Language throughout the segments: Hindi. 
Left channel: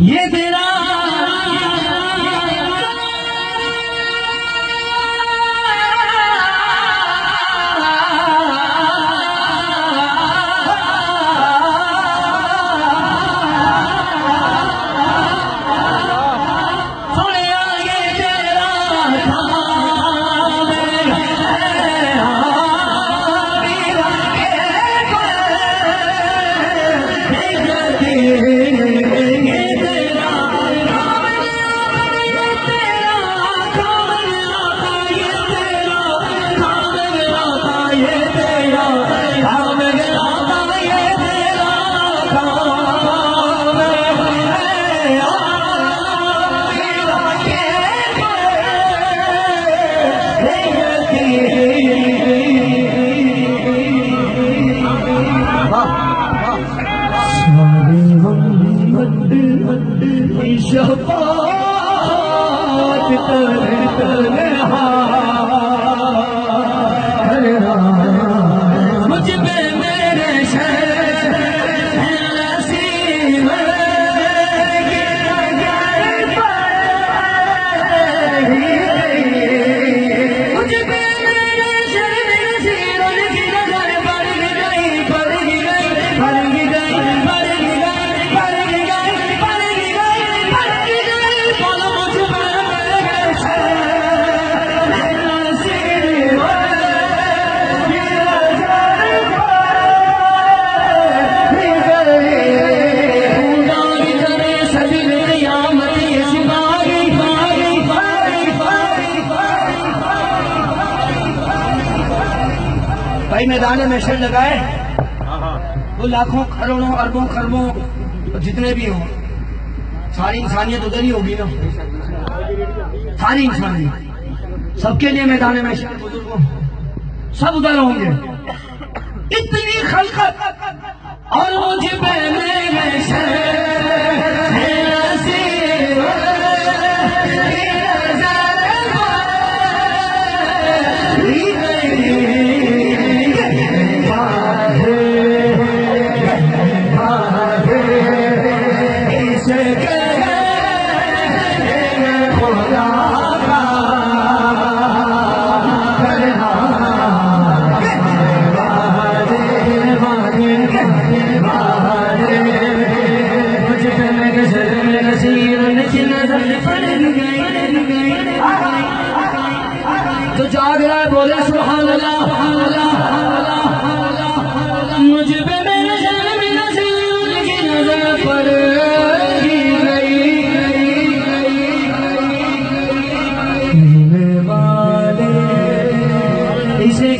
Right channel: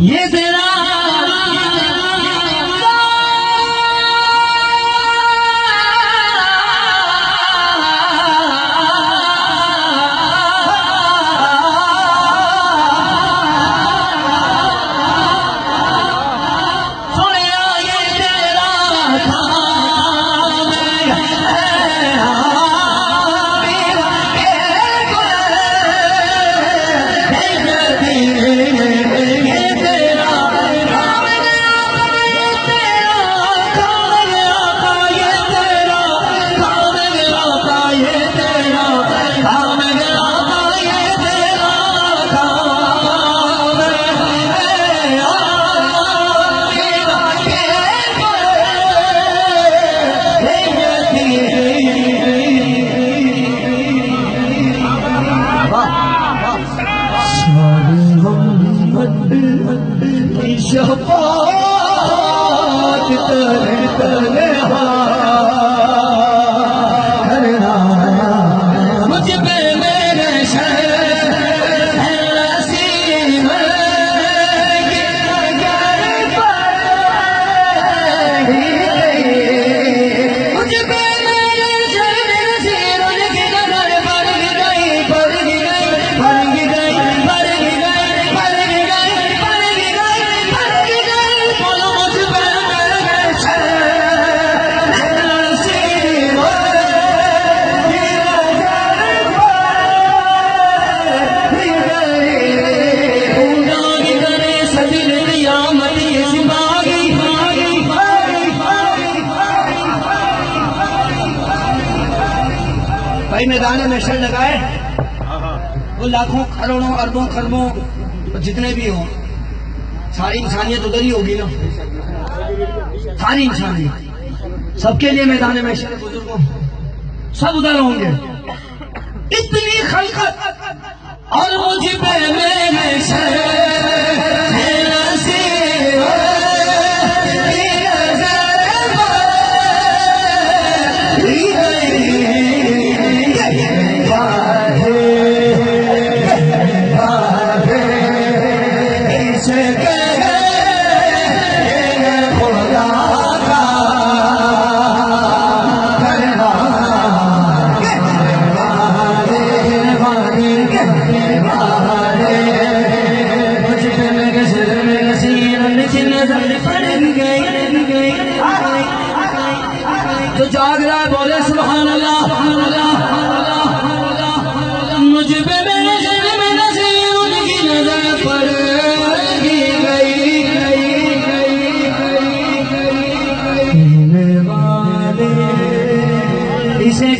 ये तेरा मुझ पे मेरे कई मैदान में शेर लगाए वो लाखों करोड़ों अरबों खरबों जितने भी हो, सारी इंसानियत उधर ही होगी ना। सारी इंसानियत सबके लिए मैदान में शेर सब उधर होंगे। इतनी खलकत और मुझे जागरा बोले सुभान अल्लाह। मुझे भी मेरे जन्म नसीब की नजर पड़ेगी इसे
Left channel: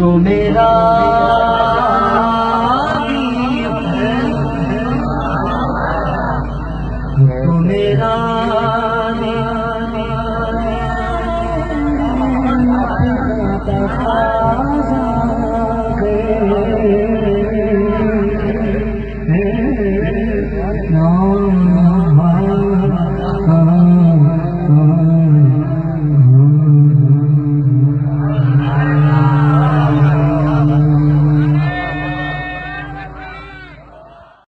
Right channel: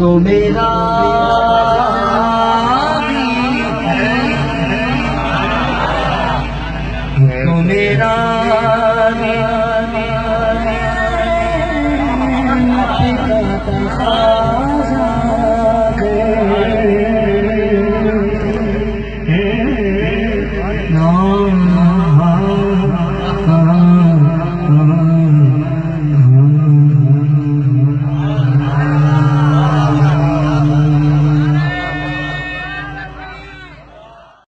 को मेरा मेरा